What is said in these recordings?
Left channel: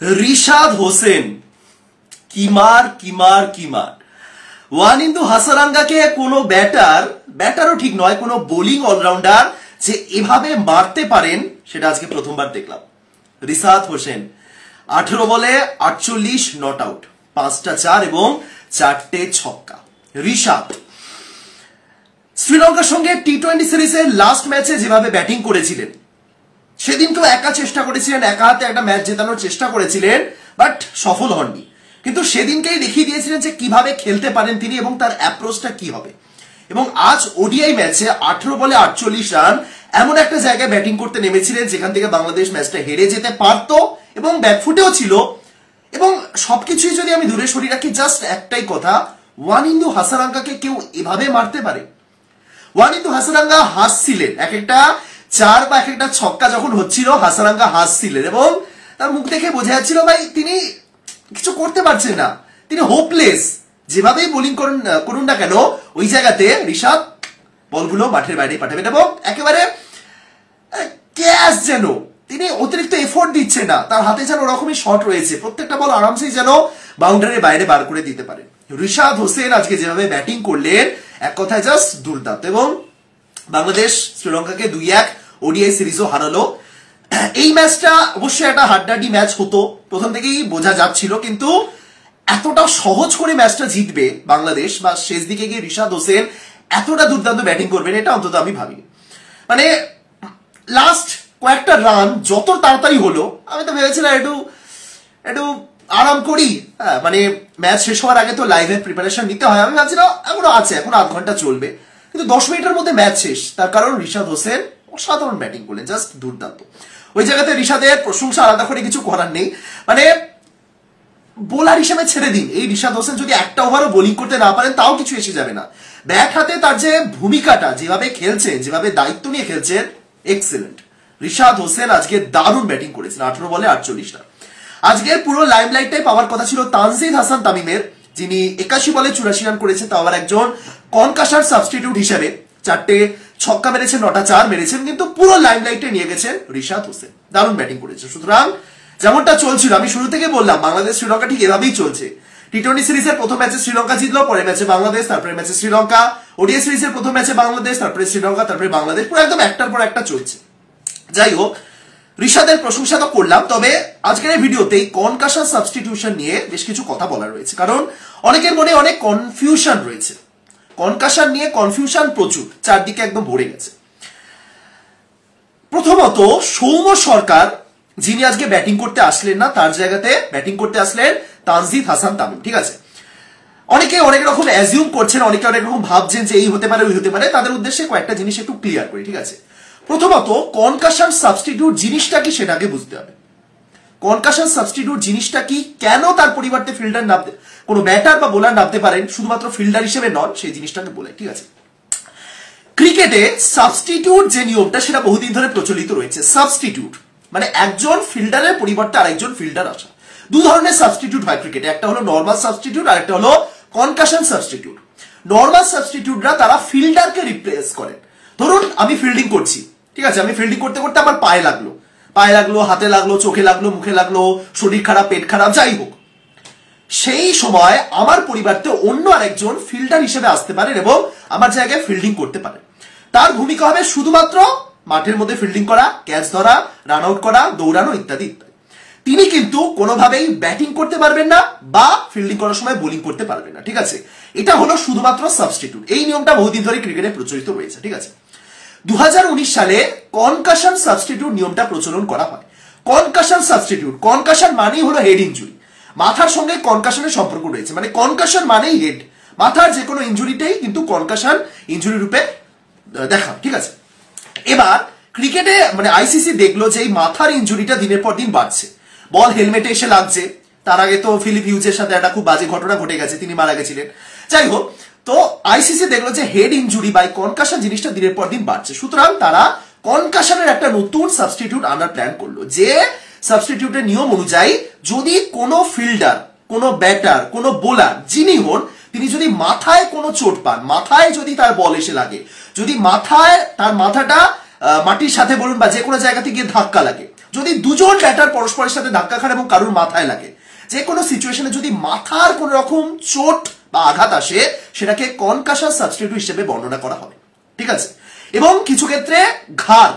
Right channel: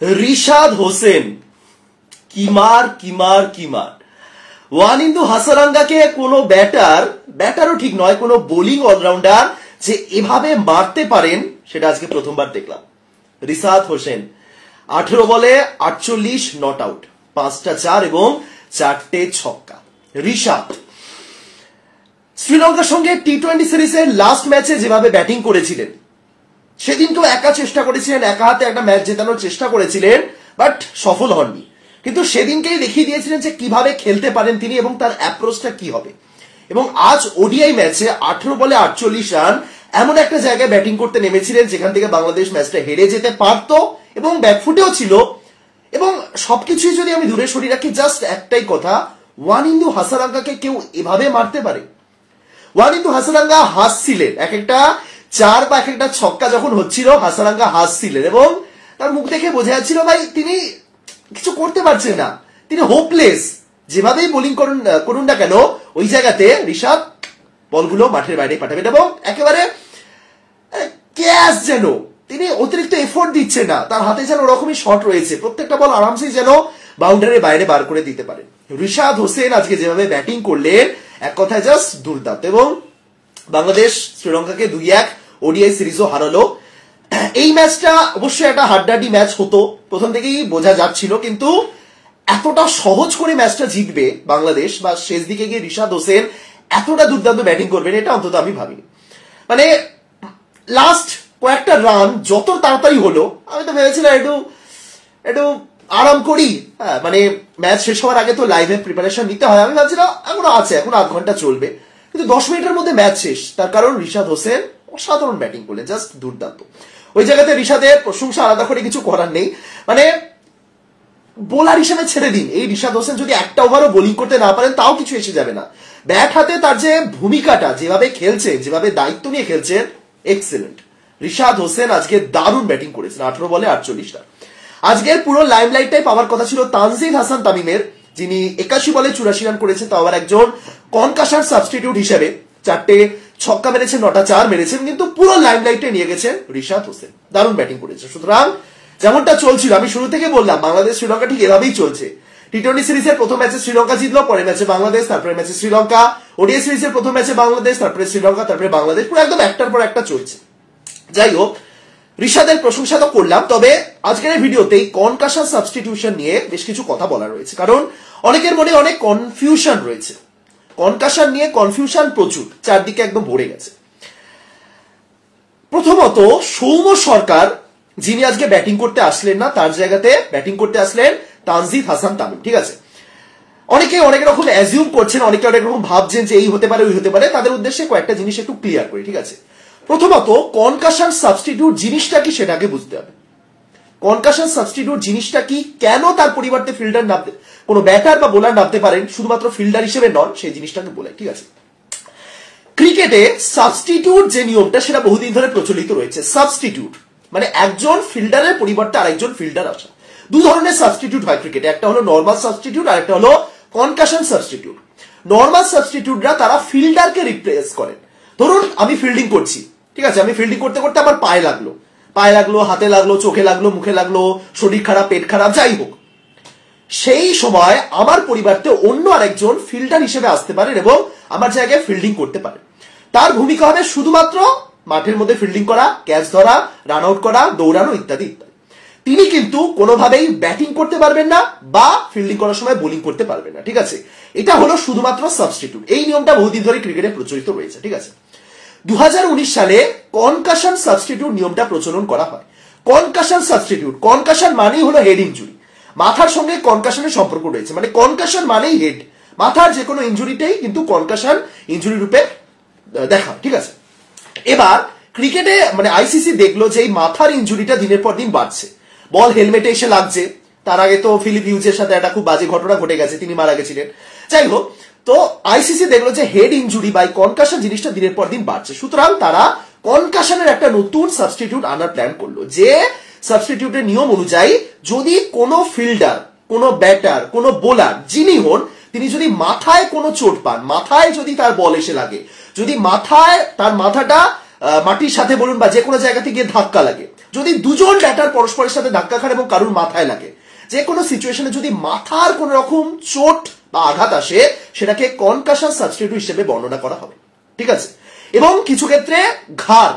রিশাদ হোসেন কিমার ওয়ানিন্দু হাসারাঙ্গাকে কোনো ব্যাটারও ঠিক নয়, কোনো বোলিং অলরাউন্ডার যে এভাবে মারতে পারেন সেটা আজকে প্রথমবার দেখলাম। রিশাদ হোসেন 18 বলে 48 নট আউট, 5টা 4 এবং 4টে ছক্কা। রিশাদ শ্রীলঙ্কার সঙ্গে টি-20 সিরিজের লাস্ট ম্যাচে যেভাবে ব্যাটিং করেছিলেন, সেদিনকেও একা চেষ্টা করেছিলেন, একা হাতে একটা ম্যাচ জেতানোর চেষ্টা করেছিলেন, বাট সফল হননি। কিন্তু সেদিনকেই দেখিয়ে দিয়েছিলেন যে কিভাবে খেলতে পারেন তিনি এবং তার অ্যাপ্রোচটা কি হবে। এবং আজ ওডিআই ম্যাচে 18 বলে 48 রান এমন একটা জায়গায় ব্যাটিং করতে নেমেছিলেন যেখান থেকে বাংলাদেশ ম্যাচটা হেরে যেতে পারত এবং ব্যাকফুটেও ছিল। এবং সবকিছুই যদি আমি দূরে সরিয়ে রাখি, জাস্ট একটাই কথা, ওয়ানিন্দু হাসারাঙ্গাকে কেউ এভাবে মারতে পারে? ওয়ানিন্দু হাসারাঙ্গা হাসছিলেন, এক একটা 4 বা এক একটা ছক্কা যখন হচ্ছিল হাসারাঙ্গা হাসছিলেন এবং তার মুখ দেখে বোঝা যাচ্ছিল ভাই তিনি কিছু করতে পারছেন না, তিনি হোপলেস। যেভাবেই বোলিং করুন না কেন ওই জায়গাতে রিশাদ বলগুলো মাঠের বাইরে পাঠাবেন এবং একেবারে ক্যাচ, যেন তিনি অতিরিক্ত এফোর্ট দিচ্ছে না, তার হাতে যেন ওরকমই শট রয়েছে, প্রত্যেকটা বল আরামসেই যেন বাউন্ডারির বাইরে বার করে দিতে পারে। রিশাদ হোসেন আজকে যেভাবে ব্যাটিং করলেন এক কথায় জাস্ট দুর্দান্ত। এবং বাংলাদেশ শ্রীলঙ্কাকে 2-1 ওডিআই সিরিজও হারালো। এই ম্যাচটা অবশ্যই একটা হাড্ডাহাড্ডি ম্যাচ হতো, প্রথম থেকেই বোঝা যাচ্ছিল, কিন্তু এতটা সহজ করে ম্যাচটা জিতবে বাংলাদেশ বা শেষ দিকে গিয়ে রিশাদ হোসেন এতটা দুর্দান্ত ব্যাটিং করবেন এটা অন্তত আমি ভাবিনি। মানে লাস্ট কয়েকটা রান যত তাড়াতাড়ি হলো, আমি তো ভেবেছিলাম একটু আরাম করি, মানে ম্যাচ শেষ হওয়ার আগে তো লাইভের প্রিপারেশন নিতে হয়, আমি ভাবছিলাম এখনো আছে, এখন 8 ঘন্টা চলবে, কিন্তু 10 মিনিটের মধ্যে ম্যাচ শেষ। তার কারণ রিশাদ হোসেন অসাধারণ ব্যাটিং করলেন, জাস্ট দুর্দান্ত। ওই জায়গাতে রিশাদের প্রশংসা আলাদা করে কিছু করার নেই, মানে বোলার হিসেবে ছেড়ে দিন, এই রিশাদ হোসেন যদি একটা ওভারও বোলিং করতে না পারেন তাও কিছু এসে যাবে না। ব্যাট হাতে তার যে ভূমিকাটা, যেভাবে খেলছেন, যেভাবে দায়িত্ব নিয়ে খেলছেন, এক্সেলেন্ট। রিশাদ হোসেন আজকে দারুণ ব্যাটিং করেছেন, 18 বলে 48 রান। আজকের পুরো লাইমলাইটটাই পাওয়ার কথা ছিল তানজিদ হাসান তামিমের, যিনি 81 বলে 84 রান করেছেন, তাও আবার একজন কনকাশন সাবস্টিটিউট হিসেবে। 4টে ছক্কা মেরেছেন, 9টা 4 মেরেছেন, কিন্তু পুরো লাইমলাইটে নিয়ে গেছেন রিশাদ হোসেন, দারুণ ব্যাটিং করেছেন। সুতরাং যেমনটা চলছিল, আমি শুরু থেকে বললাম বাংলাদেশ শ্রীলঙ্কা ঠিক এভাবেই চলছে। টি-20 সিরিজের প্রথম ম্যাচে শ্রীলঙ্কা জিতলো, পরের ম্যাচে বাংলাদেশ, তারপরে ম্যাচে শ্রীলঙ্কা, ওডিআই সিরিজের প্রথম ম্যাচে বাংলাদেশ, তারপরে শ্রীলঙ্কা, তারপরে বাংলাদেশ, পুরো একদম একটার পর একটা চলছে। যাই হোক, রিশাদের প্রশংসা তো করলাম, তবে আজকের এই ভিডিওতেই কনকাশন সাবস্টিটিউশন নিয়ে বেশ কিছু কথা বলা রয়েছে, কারণ অনেকের মনে অনেক কনফিউশন রয়েছে। কনকাশন নিয়ে কনফিউশন প্রচুর, চারদিকে একদম ভরে গেছে। প্রথমত সৌম্য সরকার, যিনি আজকে ব্যাটিং করতে আসলেন না, তার জায়গাতে ব্যাটিং করতে আসলেন তানজিদ হাসান তামিম। ঠিক আছে, অনেকে অনেক রকম অ্যাজিউম করছেন, অনেকে অনেক রকম ভাবছেন যে এই হতে পারে ওই হতে পারে, তাদের উদ্দেশ্যে কয়েকটা জিনিস একটু ক্লিয়ার করি। ঠিক আছে, প্রথমত কনকাশন সাবস্টিটিউট জিনিসটা কি সেটাকে বুঝতে হবে। কনকাশন সাবস্টিটিউট জিনিসটা কি, কেন তার পরিবর্তে ফিল্ডার নামতে, কোনো ব্যাটার বা বোলার নামতে পারেন, শুধুমাত্র ফিল্ডার হিসেবে নন, সেই জিনিসটাকে বলে। ঠিক আছে, ক্রিকেটে সাবস্টিটিউট যে নিয়মটা সেটা বহুদিন ধরে প্রচলিত রয়েছে। সাবস্টিটিউট মানে একজন ফিল্ডারের পরিবর্তে আরেকজন ফিল্ডার আসা। 2 ধরনের সাবস্টিটিউট হয় ক্রিকেটে, একটা হলো নর্মাল সাবস্টিটিউট আর একটা হলো কনকাশন সাবস্টিটিউট। নর্মাল সাবস্টিটিউটরা তারা ফিল্ডারকে রিপ্লেস করেন। ধরুন আমি ফিল্ডিং করছি, ঠিক আছে, আমি ফিল্ডিং করতে করতে আমার পায়ে লাগলো, হাতে লাগলো, চোখে লাগলো, মুখে লাগলো, শরীর খারাপ, পেট খারাপ, যাই হোক, সেই সময় আমার পরিবর্তে অন্য আরেকজন ফিল্ডার হিসেবে আসতে পারেন এবং আমার জায়গায় ফিল্ডিং করতে পারেন। তার ভূমিকা হবে শুধুমাত্র মাঠের মধ্যে ফিল্ডিং করা, ক্যাচ ধরা, রান আউট করা, দৌড়ানো ইত্যাদি ইত্যাদি। তিনি কিন্তু কোনোভাবেই ব্যাটিং করতে পারবেন না বা ফিল্ডিং করার সময় বোলিং করতে পারবেন না। ঠিক আছে, এটা হলো শুধুমাত্র সাবস্টিটিউট। এই নিয়মটা বহুদিন ধরে ক্রিকেটে প্রচলিত রয়েছে। ঠিক আছে, 2019 সালে কনকাশন সাবস্টিটিউট নিয়মটা প্রচলন করা হয়। কনকাশন সাবস্টিটিউট, কনকাশন মানেই হলো হেড ইনজুরি, মাথার সঙ্গে কনকাশনের সম্পর্ক রয়েছে, মানে কনকাশন মানেই হেড, মাথার যে কোনো ইনজুরিটাই কিন্তু কনকাশন ইনজুরি রূপে দেখা হয়। ঠিক আছে, এবার ক্রিকেটে মানে আইসিসি দেখলো যে এই মাথার ইনজুরিটা দিনের পর দিন বাড়ছে, বল হেলমেটে এসে লাগছে। তার আগে তো ফিলিপ হিউজের সাথে একটা খুব বাজে ঘটনা ঘটে গেছে, তিনি মারা গেছিলেন। যাই হোক, তো আইসিসি দেখলো যে হেড ইনজুরি বা কনকাশন জিনিসটা দিনের পর দিন বাড়ছে, সুতরাং তারা কনকাশনের একটা নতুন সাবস্টিটিউট আনার প্ল্যান করলো, যে সাবস্টিটিউটের নিয়ম অনুযায়ী যদি কোনো ফিল্ডার, কোনো ব্যাটার, কোনো বোলার যিনি হন, তিনি যদি মাথায় কোনো চোট পান, মাথায় যদি তার বল এসে লাগে, যদি মাথায় তার মাথাটা মাটির সাথে বলুন বা যে কোনো জায়গা থেকে ধাক্কা লাগে, যদি দুজন ব্যাটার পরস্পরের সাথে ধাক্কা খান এবং কারুর মাথায় লাগে, যে কোনো সিচুয়েশনে যদি মাথার কোন রকম চোট বা আঘাত আসে, সেটাকে কনকাশন সাবস্টিটিউট হিসেবে বর্ণনা করা হবে, ঠিক আছে। এবং কিছু ক্ষেত্রে ঘাড়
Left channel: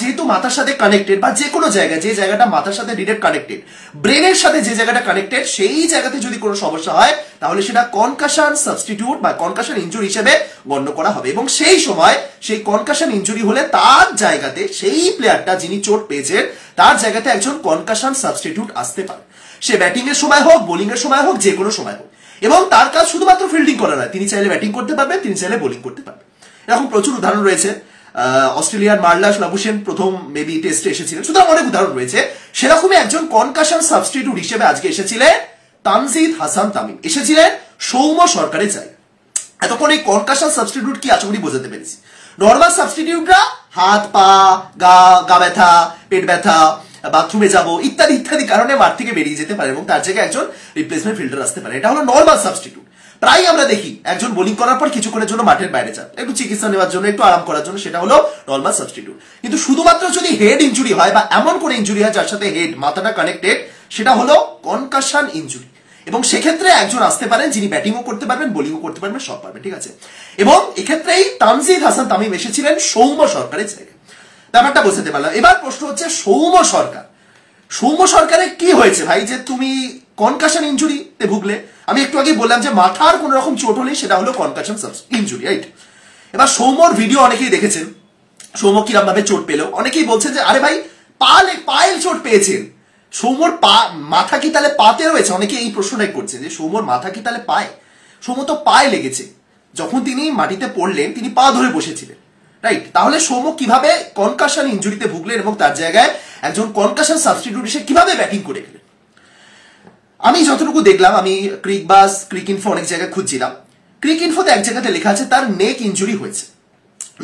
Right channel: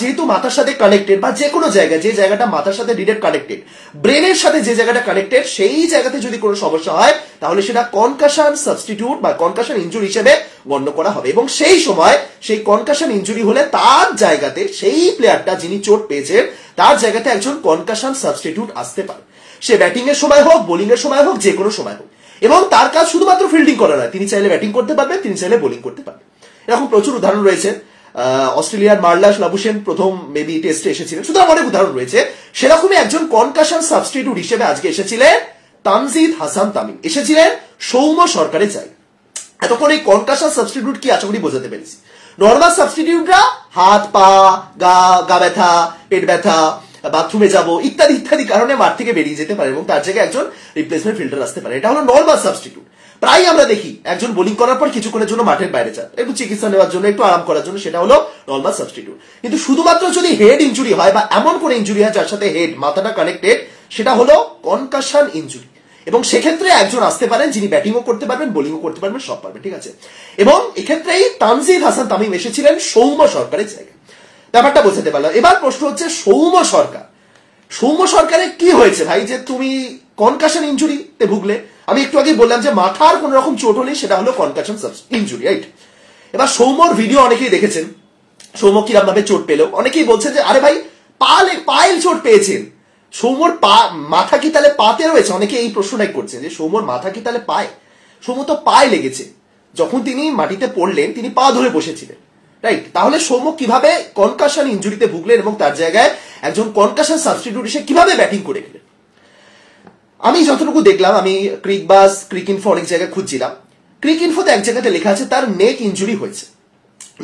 যেহেতু মাথার সাথে কানেক্টেড, বা যে কোনো জায়গায় যে জায়গাটা মাথার সাথে ডিরেক্ট কানেক্টেড, ব্রেনের সাথে যে জায়গাটা কানেক্টেড, সেই জায়গাতে যদি কোনো সমস্যা হয় তাহলে সেটা কনকাশন সাবস্টিটিউট বা কনকাশন ইনজুরি হিসেবে গণ্য করা হবে। এবং সেই সময় সেই কনকাশন ইনজুরি হলে তার জায়গাতে, সেই প্লেয়ারটা যিনি চোট পেয়েছেন তার জায়গাতে একজন কনকাশন সাবস্টিটিউট আসতে পারে। সে ব্যাটিং এর সময় হোক, বোলিং এর সময় হোক, যে কোনো সময় হোক। এবং তার কাজ শুধুমাত্র ফিল্ডিং করা নয়, তিনি চাইলে ব্যাটিং করতে পারবেন, তিনি চাইলে বোলিং করতে পারবেন। এরকম প্রচুর উদাহরণ রয়েছে। অস্ট্রেলিয়ার মার্লাস লাবুশেন প্রথম মেবি টেস্টে এসেছিলেন, সুতরাং অনেক উদাহরণ রয়েছে। সেরকমই একজন কনকাশন সাবস্টিটিউট হিসেবে আজকে এসেছিলেন তানজিদ হাসান তামিম, এসেছিলেন সৌম্য সরকারের জায়গায়। এতক্ষণ এই কনকাশন সাবস্টিটিউট কি আশা করি বোঝাতে পেরেছি। নর্মাল সাবস্টিটিউটরা হাত পা, গা ব্যথা, পেট ব্যথা, বাথরুমে যাবো ইত্যাদি ইত্যাদি কারণে মাঠ থেকে বেরিয়ে যেতে পারে এবং তার জায়গায় একজন রিপ্লেসমেন্ট ফিল্ডার আসতে পারে। এটা হলো নর্মাল সাবস্টিটিউট। প্রায় আমরা দেখি একজন বোলিং করার পর কিছুক্ষণের জন্য মাঠের বাইরে যান, একটু চিকিৎসা নেওয়ার জন্য, একটু আরাম করার জন্য, সেটা হলো নর্মাল সাবস্টিটিউট। কিন্তু শুধুমাত্র যদি হেড ইনজুরি হয় বা এমন কোন ইনজুরি হয় যার সাথে হেড, মাথাটা কানেক্টেড, সেটা হলো কনকাশন ইনজুরি। এবং সেক্ষেত্রে একজন আসতে পারেন যিনি ব্যাটিংও করতে পারবেন, বোলিংও করতে পারবেন, সব পারবেন, ঠিক আছে। এবং এক্ষেত্রেই তানজিদ হাসান তামিম এসেছিলেন সৌম্য সরকারের জায়গায়। ব্যাপারটা বোঝাতে পারলাম। এবার প্রশ্ন হচ্ছে সৌম্য সরকারের কি হয়েছে ভাই, যে তুমি কনকাশন ইনজুরিতে ভুগলে? আমি একটু আগে বললাম যে মাথার কোন রকম চোট হলে সেটা হলো কনকাশন ইনজুরি, রাইট? এবার সৌম্যর ভিডিও অনেকেই দেখেছেন, সৌম্য কিরকম ভাবে চোট পেল। অনেকেই বলছে যে আরে ভাই পায়ের চোট পেয়েছেন, সৌম্যর মাথা কি তাহলে পাতে রয়েছে? অনেকে এই প্রশ্নটাই করছে যে সৌম্যর মাথা কি তাহলে পায়ে? সৌম্য তো পায়ে লেগেছে, যখন তিনি মাটিতে পড়লেন তিনি পা ধরে বসেছিলেন, রাইট? তাহলে সৌম্য কিভাবে কনকাশন ইনজুরিতে ভুগলেন এবং তার জায়গায় একজন কনকাশন সাবস্টিটিউট এসে কিভাবে ব্যাটিং করে গেলেন? আমি যতটুকু দেখলাম, আমি ক্রিক ইনফো অনেক জায়গায় খুঁজছিলাম, ক্রিক ইনফোতে এক জায়গাতে লেখা আছে তার নেক ইনজুরি হয়েছে।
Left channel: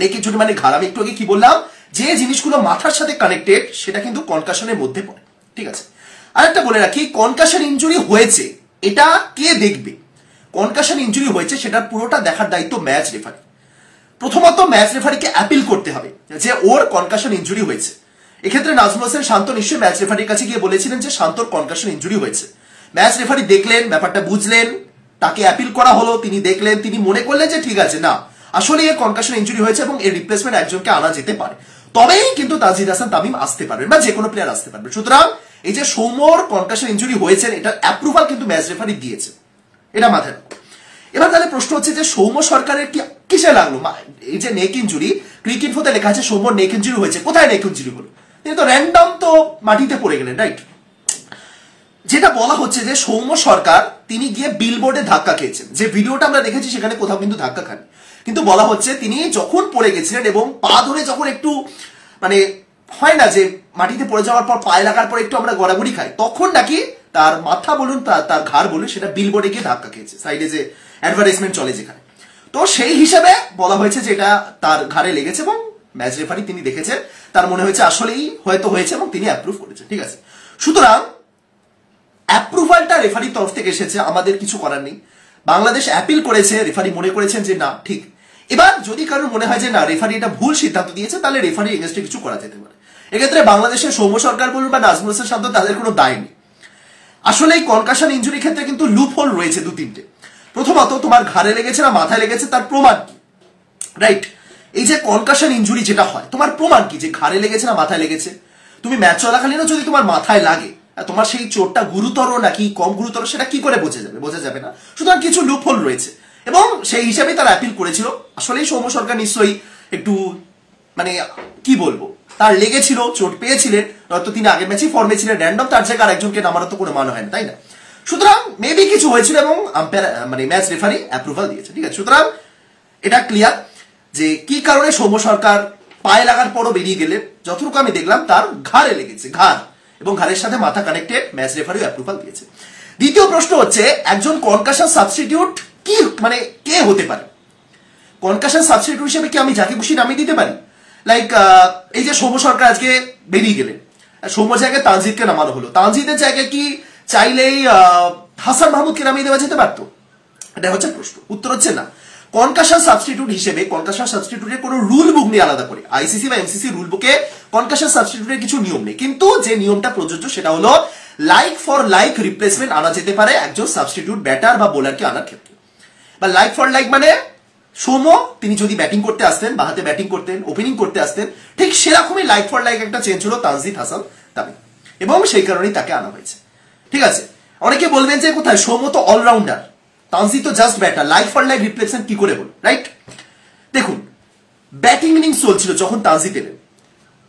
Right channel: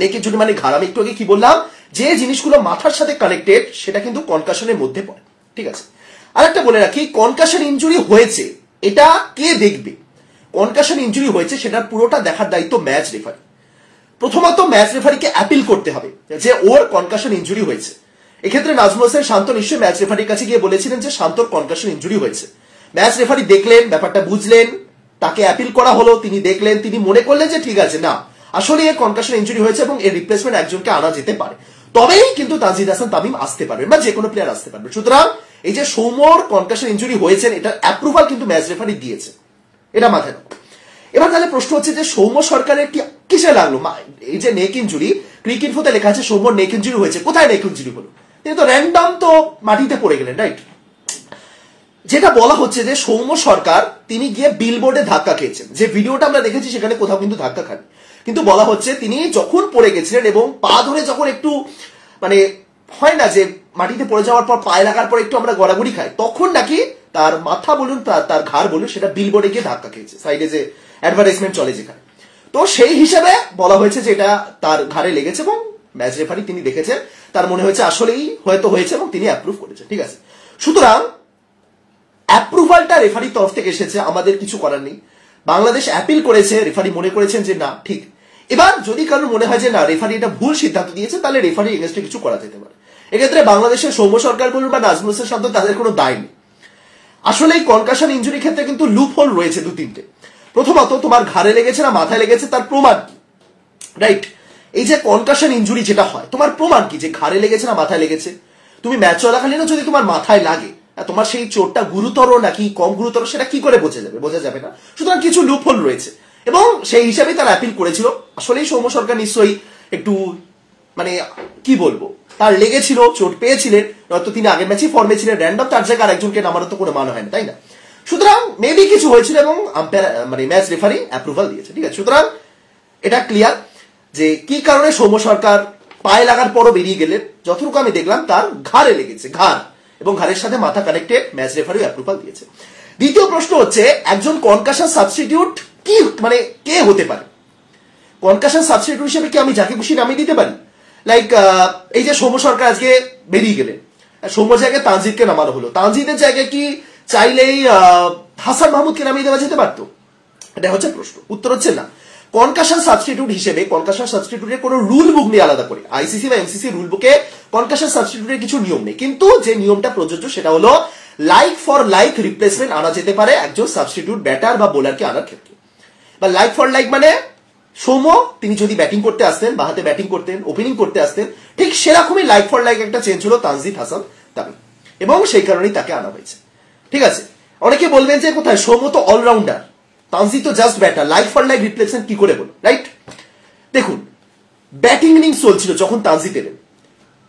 নেক ইনজুরি মানে ঘাড়। আমি একটু আগে কি বললাম, যে জিনিসগুলো মাথার সাথে কানেক্টেড সেটা কিন্তু কনকাশনের মধ্যে পড়ে, ঠিক আছে। আরেকটা বলে রাখি, কনকাশন ইনজুরি হয়েছে এটা কে দেখবে? কনকাশন ইনজুরি হয়েছে সেটার পুরোটা দেখার দায়িত্ব ম্যাচ রেফারি। প্রথমত ম্যাচ রেফারিকে অ্যাপিল করতে হবে যে ওর কনকাশন ইনজুরি হয়েছে। এক্ষেত্রে নাজমুল হোসেন শান্ত নিশ্চয়ই ম্যাচ রেফারির কাছে গিয়ে বলেছিলেন যে শান্তর কনকাশন ইনজুরি হয়েছে। ম্যাচ রেফারি দেখলেন, ব্যাপারটা বুঝলেন, তাকে অ্যাপিল করা হলো, তিনি দেখলেন, তিনি মনে করলেন যে ঠিক আছে, না আসলে এর কনকাশন ইনজুরি হয়েছে এবং এর রিপ্লেসমেন্ট একজনকে আনা যেতে পারে, তবেই কিন্তু তানজিদ হাসান তামিম আসতে পারবেন বা যে কোনো প্লেয়ার আসতে পারবে। সুতরাং এই যে সৌম্যর কনকাশন ইনজুরি হয়েছেন এটার অ্যাপ্রুভাল কিন্তু ম্যাচ রেফারি দিয়েছে, এটা মাথায় রাখো। এবার তাহলে প্রশ্ন হচ্ছে যে সৌম্য সরকারের কি কিসে লাগলো? এই যে নেক ইনজুরি, ক্রিক ইনফোতে লেখা আছে সৌম্যর নেক ইনজুরি হয়েছে, কোথায় নেক ইনজুরি হলো? তিনি তো র্যান্ডম তো মাটিতে পড়ে গেলেন, রাইট? যেটা বলা হচ্ছে যে সৌম্য সরকার তিনি গিয়ে বিলবোর্ডে ধাক্কা খেয়েছেন, যে ভিডিওটা আমরা দেখেছি সেখানে কোথাও কিন্তু ধাক্কা খান, কিন্তু বলা হচ্ছে তিনি যখন পড়ে গেছিলেন এবং পা ধরে যখন একটু মানে হয় না যে মাটিতে পড়ে যাওয়ার পর পায়ে লাগার পর একটু আমরা গড়াগড়ি খাই, তখন নাকি তার মাথা বলুন তার ঘাড় বলুন সেটা বিলবোর্ডে গিয়ে ধাক্কা খেয়েছে, সাইডে যে অ্যাডভার্টাইজমেন্ট চলে যেখানে। তো সেই হিসাবে বলা হয়েছে যে এটা তার ঘাড়ে লেগেছে এবং ম্যাচ রেফারি তিনি দেখেছেন, তার মনে হয়েছে আসলেই হয়তো হয়েছে এবং তিনি অ্যাপ্রুভ করেছেন, ঠিক আছে। সুতরাং অ্যাপ্রুভালটা রেফারির তরফ থেকে এসেছে, আমাদের কিছু করার নেই। বাংলাদেশ অ্যাপিল করেছে, রেফারি মনে করেছেন যে না ঠিক। এবার যদি কারোর মনে হয় যে না রেফারি এটা ভুল সিদ্ধান্ত দিয়েছে, তাহলে রেফারি এগেন্স্টে কিছু করা যেতে পারে। এক্ষেত্রে বাংলাদেশের সৌম্য সরকার বলুন বা নাজমুল হোসেন শান্ত, তাদের কোনো দায় নেই। আসলে এই কনকাশন ইনজুরি ক্ষেত্রে কিন্তু লুপ হোল রয়েছে দু তিনটে। প্রথমত, তোমার ঘাড়ে লেগেছে না মাথায় লেগেছে তার প্রমাণ কি, রাইট? এই যে কনকাশন ইনজুরি যেটা হয়, তোমার প্রমাণ কি যে ঘাড়ে লেগেছে না মাথায় লেগেছে? তুমি ম্যাচ চলাকালীনও যদি তোমার মাথায় লাগে, তোমার সেই চোটটা গুরুতর নাকি কম গুরুতর সেটা কি করে বোঝা যাবে? বোঝা যাবে না। সুতরাং কিছু লুপহোল রয়েছে এবং সেই হিসাবেই তারা অ্যাপিল করেছিল। আসলেই সৌম্য সরকার নিশ্চয়ই একটু মানে কি বলবো, তার লেগেছিল, চোট পেয়েছিলেন, নয়তো তিনি আগের ম্যাচেই ফর্মে ছিলেন, র্যান্ডম তার জায়গায় আরেকজনকে নামানো তো কোনো মান হয় না, তাই না? সুতরাং মেবি কিছু হয়েছিল এবং আম্পায়ার মানে ম্যাচ রেফারি অ্যাপ্রুভাল দিয়েছে, ঠিক আছে। সুতরাং এটা ক্লিয়ার যে কি কারণে সৌম্য সরকার পায়ে লাগার পরও বেরিয়ে গেলেন। যতটুকু আমি দেখলাম তার ঘাড়ে লেগেছে, ঘাড় এবং ঘাড়ের সাথে মাথা কানেক্টেড, ম্যাচ রেফারিও অ্যাপ্রুভাল দিয়েছে। দ্বিতীয় প্রশ্ন হচ্ছে একজন কনকাশন সাবস্টিটিউট কি মানে কে হতে পারে? কনকাশন সাবস্টিটিউট হিসেবে কি আমি যাকে খুশি নামিয়ে দিতে পারি? লাইক এই যে সৌম্য সরকার আজকে বেরিয়ে গেলেন, সৌম্য জায়গায় তানজিদকে নামানো হলো, তানজিদের জায়গায় কি চাইলেই হাসান মাহমুদকে নামিয়ে দেওয়া যেতে পারতো? এটা হচ্ছে প্রশ্ন, উত্তর হচ্ছে না। কনকাশন সাবস্টিটিউট হিসেবে কনকাশন সাবস্টিটিউটের কোনো রুল বুক নেই আলাদা করে, আইসিসি বা এমসিসি রুল বুকে কনকাশন সাবস্টিটিউটের কিছু নিয়ম নেই, কিন্তু যে নিয়মটা প্রযোজ্য সেটা হলো লাইক ফর লাইক রিপ্লেসমেন্ট আনা যেতে পারে একজন সাবস্টিটিউট ব্যাটার বা বোলারকে আনার ক্ষেত্রে। বা লাইক ফর লাইক মানে সৌম্য তিনি যদি ব্যাটিং করতে আসতেন, বাহাতে ব্যাটিং করতেন, ওপেনিং করতে আসতেন, ঠিক সেরকমই লাইক ফর লাইক একটা চেঞ্জ হলো তানজিদ হাসান তামিম, এবং সেই কারণেই তাকে আনা হয়েছে। ঠিক আছে, অনেকে বলবেন যে কোথায় সৌম্য তো অলরাউন্ডার, তানজিদ তো just batter, like for like replacement কি করে হল, রাইট? দেখুন, ব্যাটিং ইনিংস চলছিল যখন তানজিদ এলেন,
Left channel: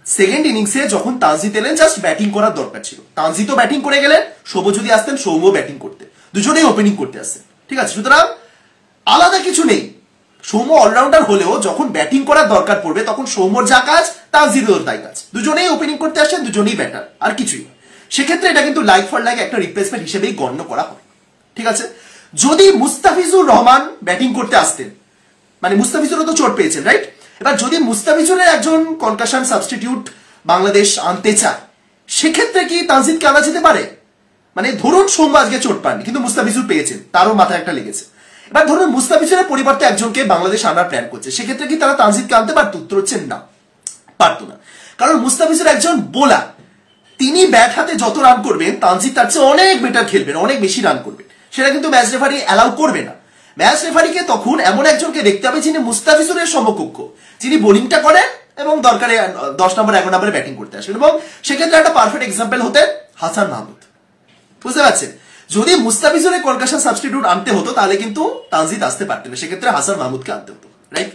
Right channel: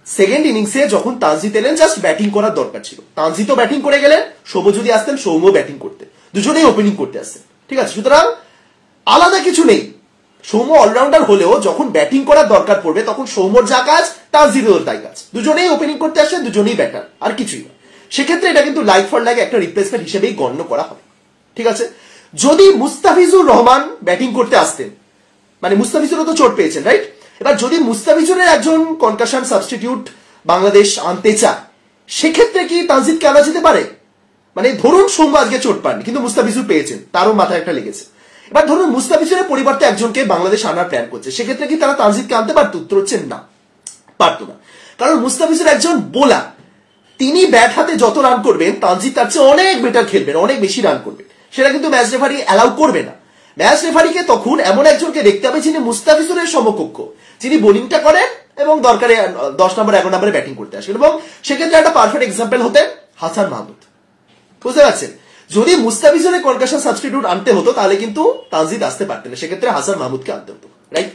সেকেন্ড ইনিংসে যখন তানজিদ এলেন জাস্ট ব্যাটিং করার দরকার ছিল, তানজিদও ব্যাটিং করে গেলেন, সৌম্য যদি আসতেন সৌম্য ব্যাটিং করতে, দুজনেই ওপেনিং করতে আসতেন। ঠিক আছে, সুতরাং আলাদা কিছু নেই, সৌম্য অলরাউন্ডার হলেও যখন ব্যাটিং করার দরকার পড়বে তখন সৌম্যর যা কাজ তানজিদেরও তাই কাজ, দুজনেই ওপেনিং করতে আসেন, দুজনেই ব্যাটার, আর কিছুই না। সেক্ষেত্রে এটা কিন্তু লাইক ফর লাইক একটা রিপ্লেসমেন্ট হিসেবেই গণ্য করা হবে। ঠিক আছে, যদি মুস্তাফিজুর রহমান ব্যাটিং করতে আসতেন, মানে মুস্তাফিজুরও তো চোট পেয়েছেন, রাইট? এবার যদি মুস্তাফিজুরের একজন কনকাশন সাবস্টিটিউট বাংলাদেশ আনতে চায়, সেক্ষেত্রে কি তানজিদকে আনা যেতে পারে? মানে ধরুন সৌম্য আজকে চোট পাননি কিন্তু মুস্তাফিজুর পেয়েছেন, তারও মাথায় একটা লেগেছে, এবার ধরুন মুস্তাফিজুরের পরিবর্তে একজনকে বাংলাদেশ আনার প্ল্যান করছে, সেক্ষেত্রে কি তারা তানজিদকে আনতে পারত? উত্তর হচ্ছে না, পারতো না। কারণ মুস্তাফিজুর একজন বোলার, তিনি ব্যাট হাতে যত রান করবেন তানজিদ তার চেয়ে অনেক বেটার খেলবেন, অনেক বেশি রান করবেন, সেটা কিন্তু ম্যাচ রেফারি অ্যালাউ করবে না। ম্যাচ রেফারিকে তখন এমন একজনকে দেখতে হবে যিনি মুস্তাফিজুরের সমকক্ষ, যিনি বোলিংটা করেন এবং দরকারে 10 নম্বর 11 নম্বরে ব্যাটিং করতে আসেন, এবং সেক্ষেত্রে একটা পারফেক্ট এক্সাম্পল হতেন হাসান মাহমুদ। বুঝতে পারছেন, যদি মুস্তাফিজুরের কনকাশন সাবস্টিটিউট আনতে হতো তাহলে কিন্তু তানজিদ আসতে পারতেন না, সেক্ষেত্রে হাসান মাহমুদকে আনতে হতো, রাইট?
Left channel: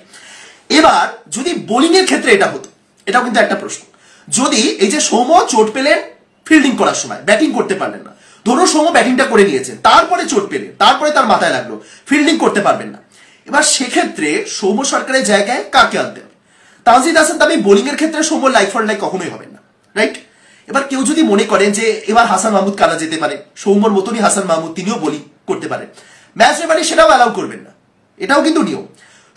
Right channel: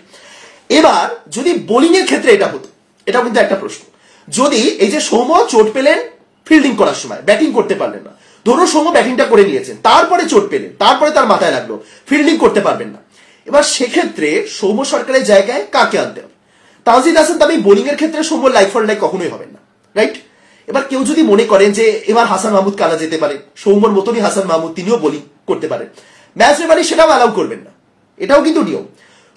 এবার যদি বোলিং এর ক্ষেত্রে এটা হতো, এটাও কিন্তু একটা প্রশ্ন, যদি এই যে সৌম্য চোট পেলেন ফিল্ডিং করার সময়, ব্যাটিং করতে পারলেন না, ধরো সৌম্য ব্যাটিংটা করে নিয়েছেন, তারপরে চোট পেলেন, তারপরে তার মাথায় লাগলো ফিল্ডিং করতে পারবেন না, এবার সেক্ষেত্রে সৌম্য সরকারের জায়গায় কাকে আনতে হবে? তানজিদ হাসান তামিম বোলিং এর ক্ষেত্রে সৌম্য লাইক ফর লাইক কখনোই হবেন না, রাইট? এবার কেউ যদি মনে করেন যে এবার হাসান মাহমুদ আনা যেতে পারে, সৌম্যর মতনই হাসান মাহমুদ তিনিও বোলিং করতে পারেন, ম্যাচ রেফারি সেটাও অ্যালাউ করবেন না, এটাও কিন্তু নিয়ম।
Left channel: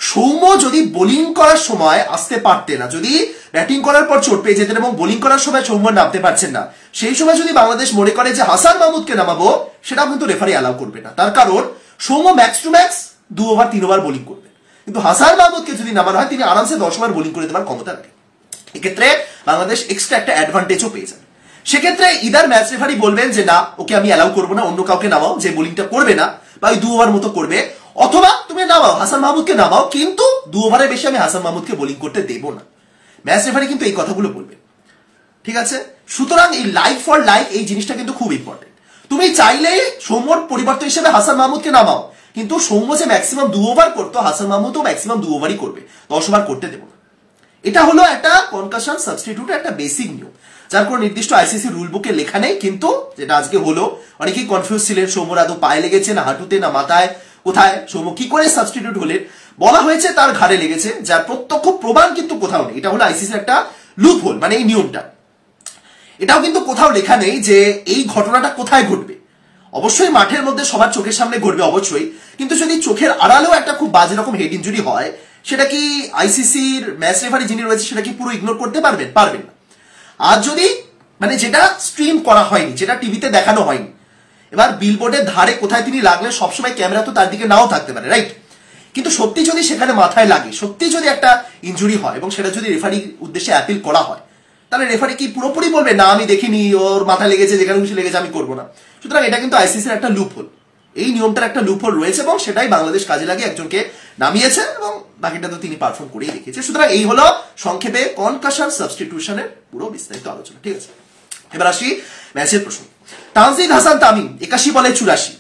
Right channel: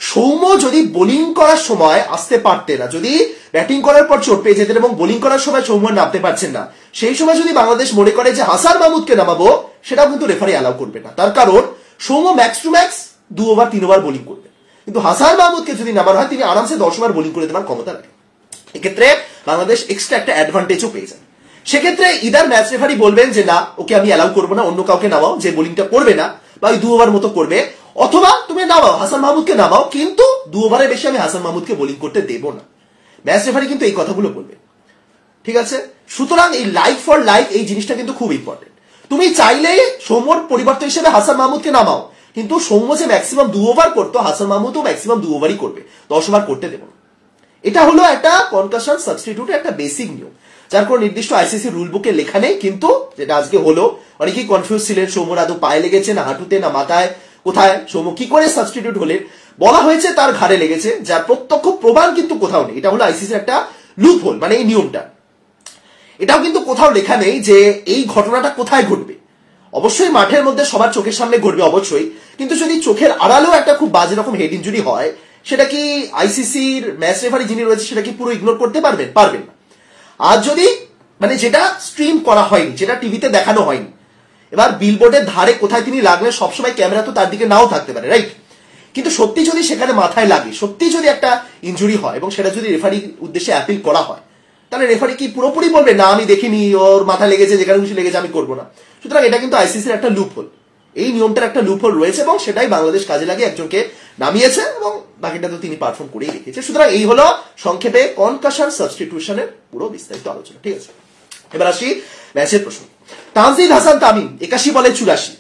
সৌম্য যদি বোলিং করার সময় আসতে পারতেন না, যদি ব্যাটিং করার পর চোট পেয়ে যেতেন এবং বোলিং করার সময় সৌম্য নামতে পারছেন না, সেই সময় যদি বাংলাদেশ মনে করে যে হাসান মাহমুদকে নামাবো, সেটাও কিন্তু রেফারি অ্যালাউ করবে না, তার কারণ Soumya max to max 2 over 3 over bowling করবেন, কিন্তু হাসান মাহমুদকে যদি নামানো হয় তিনি আরামসে 10 ওভার বোলিং করে দেওয়ার ক্ষমতা রাখেন, এক্ষেত্রে বাংলাদেশ এক্সট্রা একটা অ্যাডভান্টেজও পেয়ে যাবে। সেক্ষেত্রে ইদার ম্যাচ রেফারি বলবেন যে না, ওকে আমি অ্যালাউ করবো না, অন্য কাউকে নামাও যে বোলিংটা করবে না বা ওই 2 ওভার মতো করবে, অথবা তুমি নামাও হাসান মাহমুদকে নামাও, কিন্তু 2 ওভারের বেশি আমি হাসান মাহমুদকে বোলিং করতে দেবো না। ম্যাচ রেফারি কিন্তু এই কথাগুলো বলবে, ঠিক আছে? সুতরাং এই লাইক ফর লাইক এই জিনিসটা কিন্তু খুব ইম্পর্টেন্ট। তুমি চাইলে সৌম্যর পরিবর্তন হিসেবে হাসান মাহমুদকে নামাও, কিন্তু সৌম্য যে ম্যাক্সিমাম 2 ওভার করতো, হাসান মাহমুদও ম্যাক্সিমাম 2 ওভারই করবে, 10 ওভার করতে দেবো না। এটা হলো একটা কনকাশন সাবস্টিটিউট একটা বেসিক নিয়ম, যার কোনো নির্দিষ্ট আইসিসি রুল বুকে লেখা নেই, কিন্তু যেটা আজকে হলো, অনেকেই কনফিউজ ছিলেন সৌম্যর আদৌ পায়ে লেগেছে না হাঁটুতে না মাথায়, কোথায় সৌম্য কি করে সাবস্টিটিউট হলেন, বলা হয়েছে তার ঘাড়ে লেগেছে, যার প্রত্যক্ষ প্রমাণ কিন্তু কোথাও নেই। এটা হলো আইসিসি একটা লুপ হোল, মানে এই নিয়মটা, এটাও কিন্তু কোথাও লেখা নেই যে এই ঘটনাটা কোথায় ঘটবে। অবশ্যই মাঠের মধ্যে সবার চোখের সামনে ঘটবে অবশ্যই, কিন্তু যদি চোখের আড়ালেও একটা খুব বাজে রকম হেড ইনজুরি হয়, সেটা কি আইসিসির ম্যাচ রেফারি যিনি রয়েছে সেটা কি পুরো ইগনোর করতে পারবেন? পারবেন না। আর যদি মানে যেটা স্ট্রিম করা হয়নি, যেটা টিভিতে দেখানো হয়নি, এবার বিলবোর্ডের ধারে কোথায় তিনি লাগলেন, সবসময় ক্যামেরা তো তার দিকে নাও থাকতে পারে, রাইট? কিন্তু সত্যি যদি সেখানে মাথায় লাগে, সত্যি যদি একটা ইনজুরি হয় এবং সেটা যদি রেফারির উদ্দেশ্যে অ্যাপিল করা হয়, তাহলে রেফারি কি পুরোপুরি বলবে না আমি দেখিনি, ওর মাথায় লেগেছে, যেখানে খুশি লেগেছে আমি করবো না? সুতরাং এটা কিন্তু আইসিসির একটা লুপ হোল, এই নিয়মটার একটা লুপ হোল রয়েছে এবং সেটাই বাংলাদেশ কাজে লাগে, একজনকে নামিয়েছে এবং বাকিটা তো তিনি পারফর্ম করেই রেখেছে। সুতরাং এই হলো সংক্ষেপে কনকাশন সাবস্টিটিউশনের পুরো বিস্তারিত আলোচনা, ঠিক আছে? এবার আসি ম্যাচের প্রশ্ন। তানজিদ হাসান তামিম 81 বলে 84,